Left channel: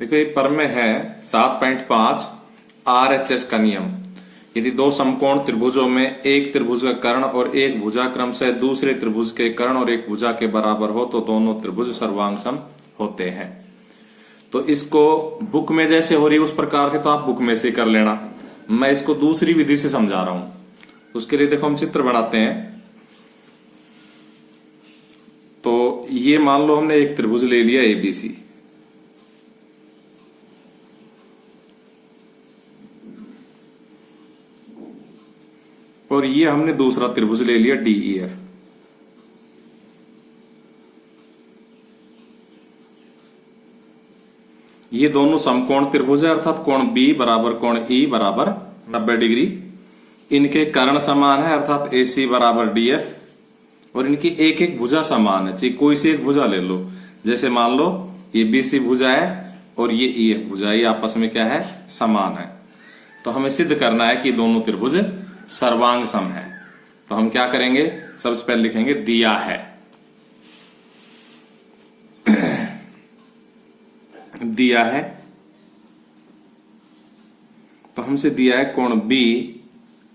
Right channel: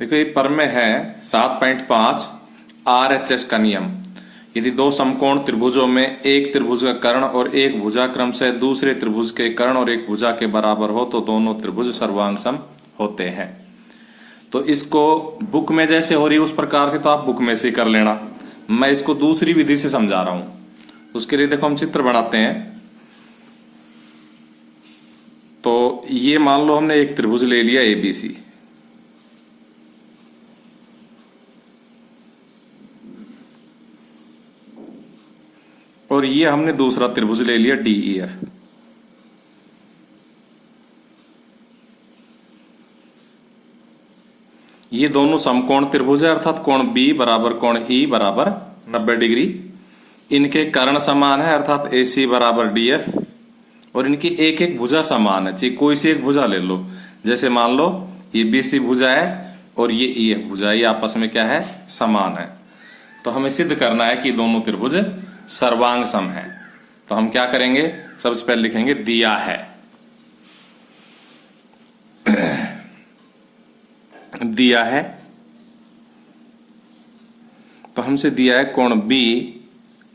देखो ये पर में है 7.5 RHS का नियम। यदि दो समकोण त्रिभुजों में एक त्रिभुज का कर्ण और एक भुजा क्रमशः दूसरे त्रिभुज के कर्ण और एक भुजा के बराबर हो तो दोनों त्रिभुज सर्वांग सम होते हैं। तो इसको बुक में जैसे हो रही है उस प्रकार से तो आप बुक में से कर लेना। मैं इसको दूसरी विधि से समझा रहा हूं। उसके लिए देखो हम चित्र बनाते हैं। तो ये मान लो हमने एक त्रिभुज ले लिया ABC, और ये हमने दूसरा त्रिभुज ले लिया DEF। ये दोनों समकोण त्रिभुज है, अर्थात कोण B बराबर कोण E बराबर 90 डिग्री। इनके कर्ण समान है, अर्थात AC बराबर DF, और इनकी एक एक भुजा समान है। चाहे कोई सी एक भुजा ले लो, जैसे मान लो ये BC भुजा है और ये EF भुजा है, ये आपस में क्या है, समान है। तो हमें सिद्ध करना है कि दोनों त्रिभुज सर्वांग सम है। तो हम क्या करेंगे, सबसे पहले लिखेंगे दिया है। दिया है तो हमसे दिया है कोण B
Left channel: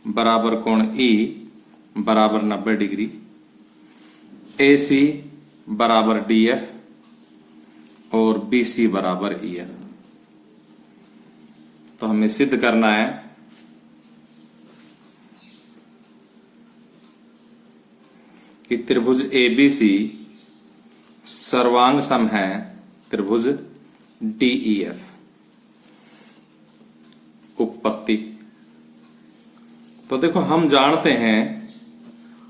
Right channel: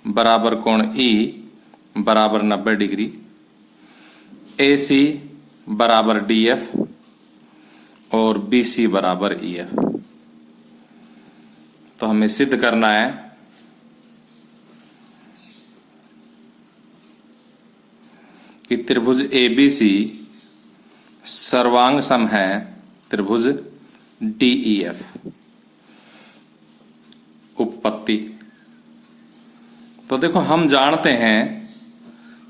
बराबर कोण E बराबर 90 डिग्री, AC बराबर DF और BC बराबर EF। तो हमें सिद्ध करना है कि त्रिभुज ABC सर्वांग सम है त्रिभुज DEF। उपपत्ति। तो देखो हम जानते हैं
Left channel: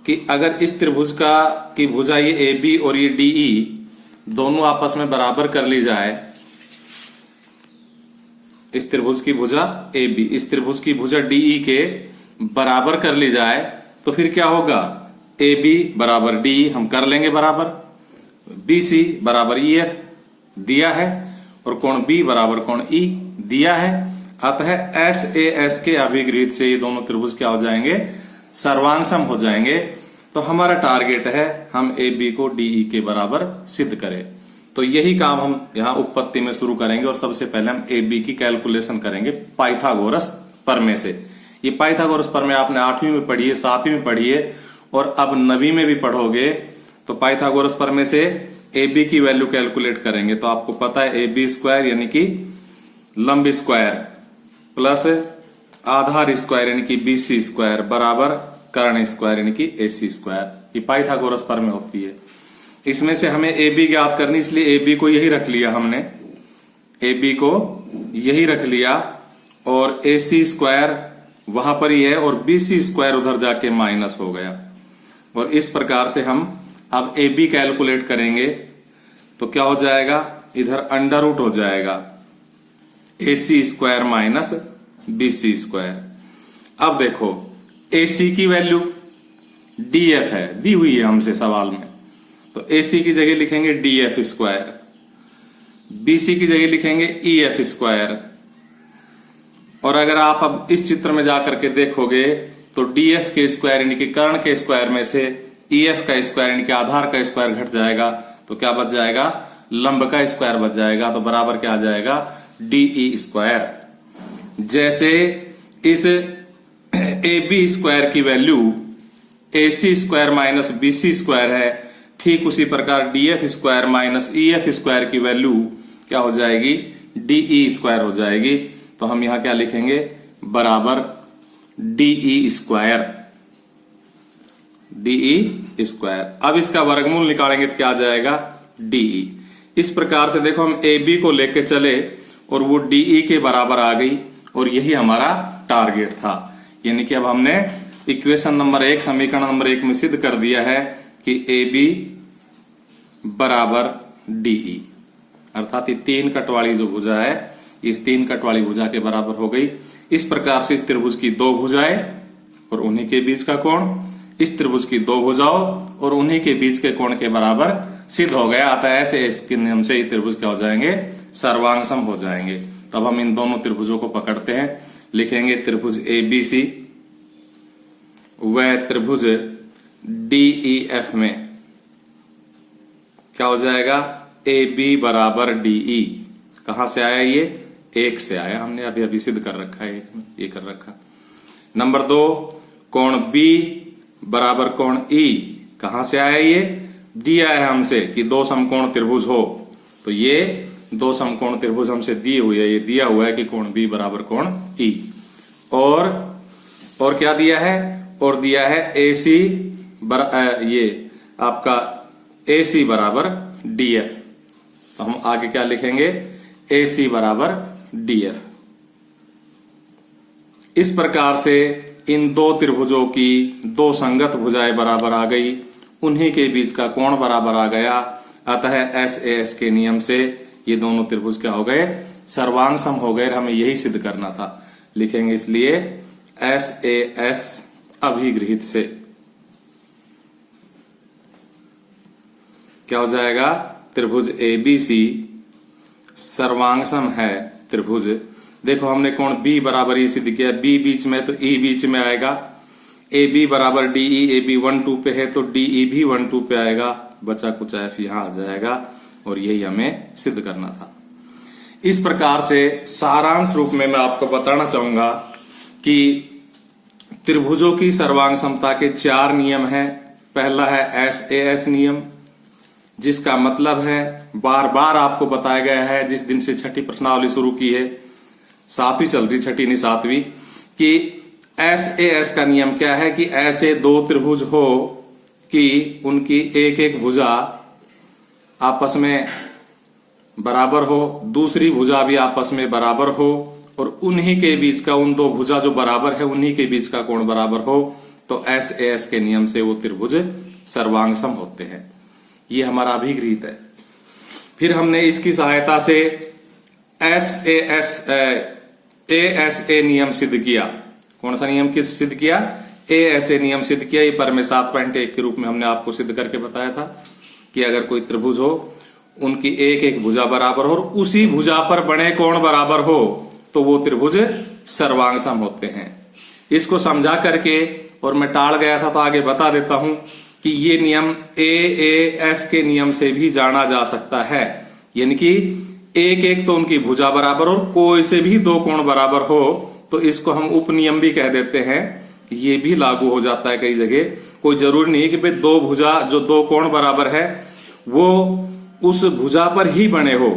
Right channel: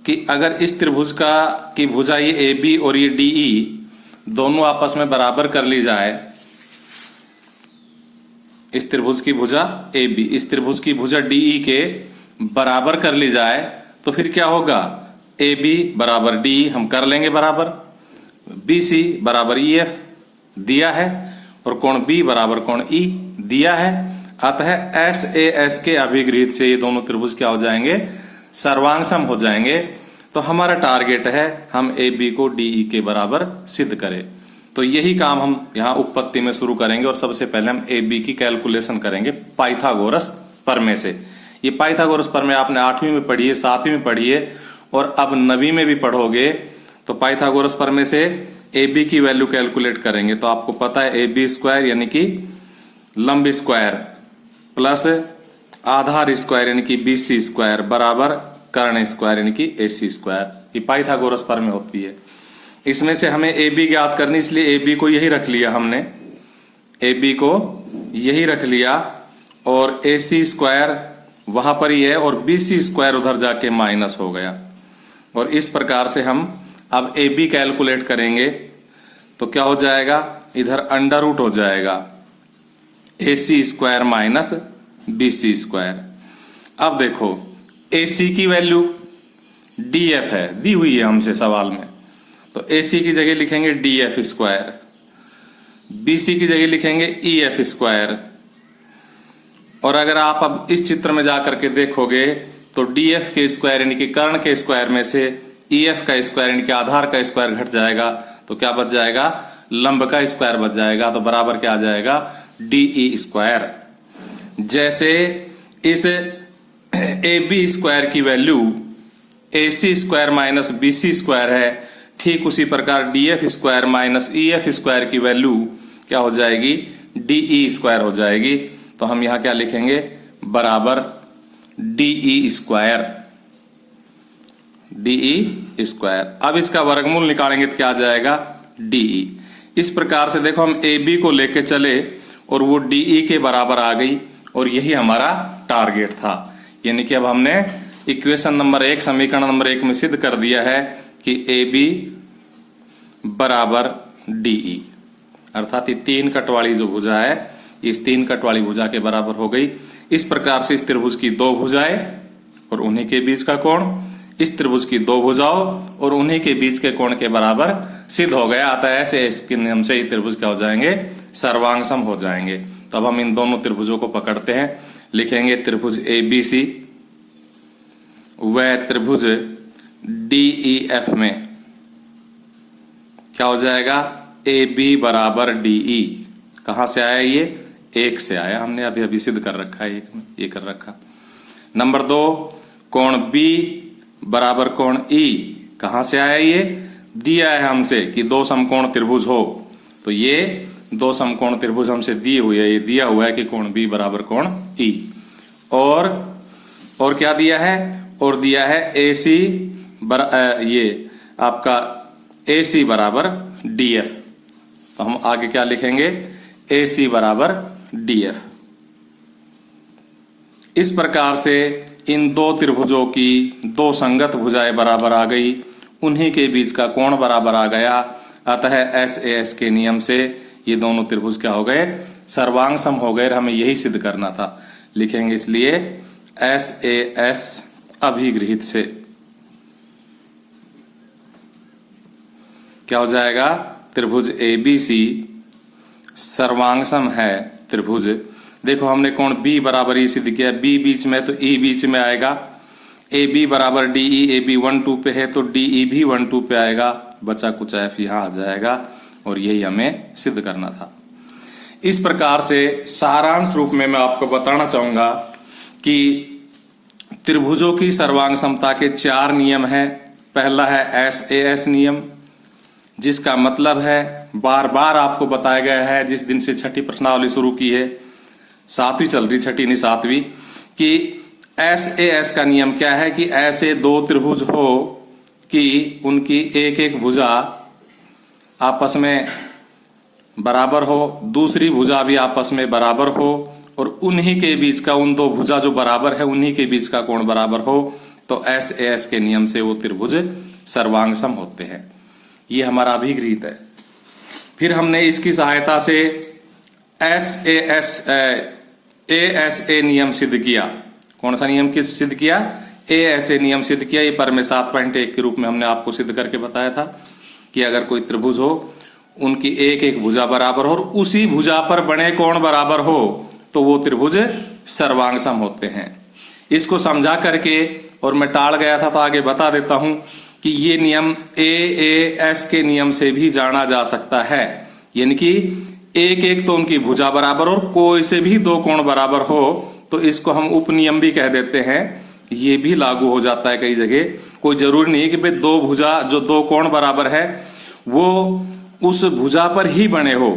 कि अगर इस त्रिभुज की भुजा ये AB और ये DE दोनों आपस में बराबर कर ली जाए, इस त्रिभुज की भुजा AB इस त्रिभुज की भुजा DE के बराबर कर ली जाए, तो फिर क्या होगा, AB बराबर DE हम कर लेंगे बराबर, BC बराबर EF दिया है, और कोण B बराबर कोण E दिया है। अतः SAS के अभिगृहित से ये दोनों त्रिभुज क्या हो जाएंगे, सर्वांग सम हो जाएंगे। तो हमारा टारगेट है हम AB को DE के बराबर सिद्ध करें। तो यही काम हम यहाँ उपपत्ति में शुरू करेंगे, और सबसे पहले हम AB की कैलकुलेशन करेंगे पाइथागोरस प्रमेय से। ये पाइथागोरस प्रमेय आपने 8वीं में पढ़ी है, 7वीं में पढ़ी है, और अब 9वीं में भी पढ़ोगे। तो पाइथागोरस प्रमेय से AB की वैल्यू कैलकुलेट करेंगे। तो आपको पता है AB स्क्वायर यानी कि लंब स्क्वायर प्लस आधार स्क्वायर यानी कि BC स्क्वायर बराबर कर्ण स्क्वायर यानी कि AC स्क्वायर। ये पाइथागोरस प्रमेय होती है। इसमें से हमें AB ज्ञात करनी, इसलिए AB को यही रख लिया हमने, AB को यही रख लिया, और AC स्क्वायर वहां पर ही है और BC स्क्वायर उधर जाके माइनस हो गया। और इस प्रकार से हम अब AB कैलकुलेट करेंगे तो क्या हो जाएगा, इधर अंडर रूट हो जाएगा AC square minus BC square. अब देखो AC की वैल्यू DF है, दी हुई है हमसे सवाल में, तो AC की जगह लिखेंगे DF स्क्वायर, BC की जगह लिखेंगे EF स्क्वायर। और अगर आप अब इस चित्र में जाकर के देखोगे तो DF के स्क्वायर यानी कि कर्ण के स्क्वायर में से EF का स्क्वायर यानी कि आधार का स्क्वायर घट जाएगा, तो क्या बच जाएगा, लंब का स्क्वायर बच जाएगा। तो बराबर क्या आ जाएगा, DE स्क्वायर। जैसे इस AB स्क्वायर की value AC square minus BC square है, ठीक उसी प्रकार DF square minus EF square की वैल्यू क्या हो जाएगी, DE स्क्वायर हो जाएगी। तो हम यहां क्या लिखेंगे, बराबर DE स्क्वायर, DE स्क्वायर। अब इसका वर्गमूल निकालेंगे तो क्या आ जाएगा, DE। इस प्रकार से देखो हम AB को लेके चले और वो DE के बराबर आ गई, और यही हमारा टारगेट था। यानी कि अब हमने इक्वेशन नंबर 1 समीकरण नंबर 1 में सिद्ध कर दिया है कि AB बराबर DE, अर्थात ये 3 कट वाली जो भुजा है इस 3 कट वाली भुजा के बराबर हो गई। इस प्रकार से इस त्रिभुज की 2 भुजाएं और उन्हीं के बीच का कोण, इस त्रिभुज की 2 भुजाओं और उन्हीं के बीच के कोण के बराबर सिद्ध हो गया। अतः ऐसे इसके नियम से ये त्रिभुज क्या हो जाएंगे, सर्वांग सम हो जाएंगे। तो अब हम इन दोनों त्रिभुजों को पकड़ते हैं, लिखेंगे त्रिभुज ABC व त्रिभुज DEF में क्या हो जाएगा, AB बराबर DE, कहां से आया ये? 1 से आया, हमने अभी अभी सिद्ध कर रखा है, ये कर रखा। नंबर 2, कोण बी बराबर कोण ई, कहां से आया ये? दिया है हमसे कि 2 समकोण त्रिभुज हो, तो ये 2 समकोण त्रिभुज हमसे दिए हुए है, ये दिया हुआ है कि कोण बी बराबर कोण ई। और क्या दिया है? और दिया है AC ये आपका AC बराबर DF। तो हम आगे क्या लिखेंगे? AC बराबर DF। इस प्रकार से इन 2 त्रिभुजों की 2 संगत भुजाएं बराबर आ गई, उन्हीं के बीच का कोण बराबर आ गया। अतः SAS के नियम से ये दोनों त्रिभुज क्या हो गए? सर्वांग सम हो गए। हमें यही सिद्ध करना था, लिखेंगे इसलिए SAS अभिगृहित से क्या हो जाएगा? त्रिभुज ABC सर्वांग सम है त्रिभुज। देखो हमने कोण B बराबर E सिद्ध किया, B बीच में तो E बीच में आएगा। AB बराबर DE, AB 1-2 पे है तो DE भी 1-2 पे आएगा, बचा कुछ F यहां आ जाएगा, और यही हमें सिद्ध करना था। इस प्रकार से सारांश रूप में मैं आपको बताना चाहूंगा कि त्रिभुजों की सर्वांग समता के 4 नियम हैं। पहला है SAS नियम, जिसका मतलब है बार बार आपको बताया गया है, जिस दिन से छठी प्रश्नावली शुरू की है, 7वीं चल रही, छठी नहीं 7वीं, कि SAS का नियम क्या है कि ऐसे 2 त्रिभुज हो कि उनकी एक एक भुजा आपस में बराबर हो, दूसरी भुजा भी आपस में बराबर हो, और उन्हीं के बीच का, उन 2 भुजा जो बराबर है उन्हीं के बीच का कोण बराबर हो, तो SAS के नियम से वो त्रिभुज सर्वांग सम होते हैं। ये हमारा अभिगृहित है। फिर हमने इसकी सहायता से ASA नियम सिद्ध किया। कौन सा नियम किस सिद्ध किया? ASA नियम सिद्ध किया। ये पर में 7.1 के रूप में हमने आपको सिद्ध करके बताया था कि अगर कोई त्रिभुज हो, उनकी एक एक भुजा बराबर हो और उसी भुजा पर बने कोण बराबर हो, तो वो त्रिभुज सर्वांग सम होते हैं। इसको समझा करके, और मैं टाल गया था तो आगे बता देता हूं कि ये नियम AAS के नियम से भी जाना जा सकता है, यानी कि एक एक तो उनकी भुजा बराबर और कोई से भी 2 कोण बराबर हो, तो इसको हम उपनियम भी कह देते हैं। ये भी लागू हो जाता है कई जगह। कोई जरूरी नहीं है कि भाई 2 भुजा जो 2 कोण बराबर है वो उस भुजा पर ही बने हो।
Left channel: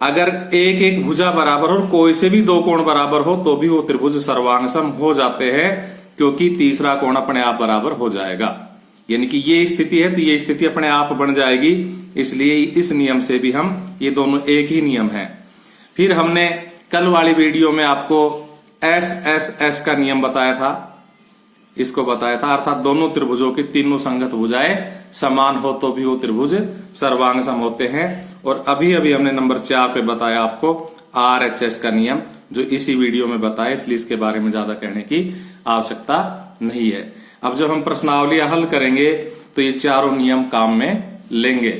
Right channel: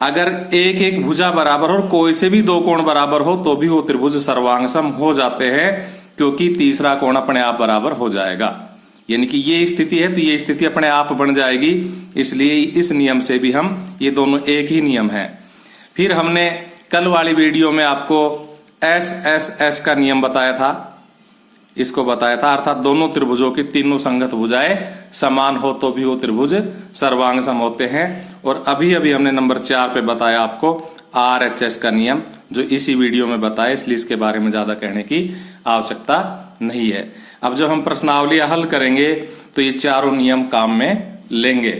अगर एक एक भुजा बराबर और कोई से भी 2 कोण बराबर हो तो भी वो त्रिभुज सर्वांग सम हो जाते हैं, क्योंकि तीसरा कोण अपने आप बराबर हो जाएगा। यानी कि ये स्थिति है तो ये स्थिति अपने आप बन जाएगी, इसलिए इस नियम से भी हम, ये दोनों एक ही नियम है। फिर हमने कल वाली वीडियो में आपको SSS का नियम बताया था, इसको बताया था, अर्थात दोनों त्रिभुजों की तीनों संगत भुजाएं समान हो तो भी वो त्रिभुज सर्वांग सम होते हैं। और अभी अभी हमने नंबर 4 पे बताया आपको RHS का नियम, जो इसी वीडियो में बताया, इसलिए इसके बारे में ज्यादा कहने की आवश्यकता नहीं है। अब जब हम प्रश्नावलियां हल करेंगे तो ये चारों नियम काम में लेंगे,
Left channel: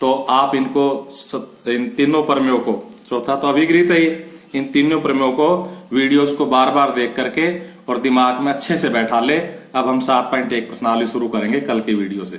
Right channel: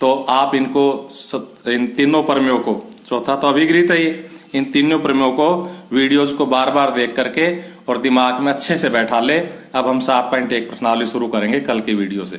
तो आप इनको, इन तीनों प्रमेयों को, चौथा तो अभिगृहित है ये, इन तीनों प्रमेयों को, वीडियोज को बार बार देख करके और दिमाग में अच्छे से बैठा ले। अब हम 7.1 प्रश्नावली शुरू करेंगे कल की वीडियो से।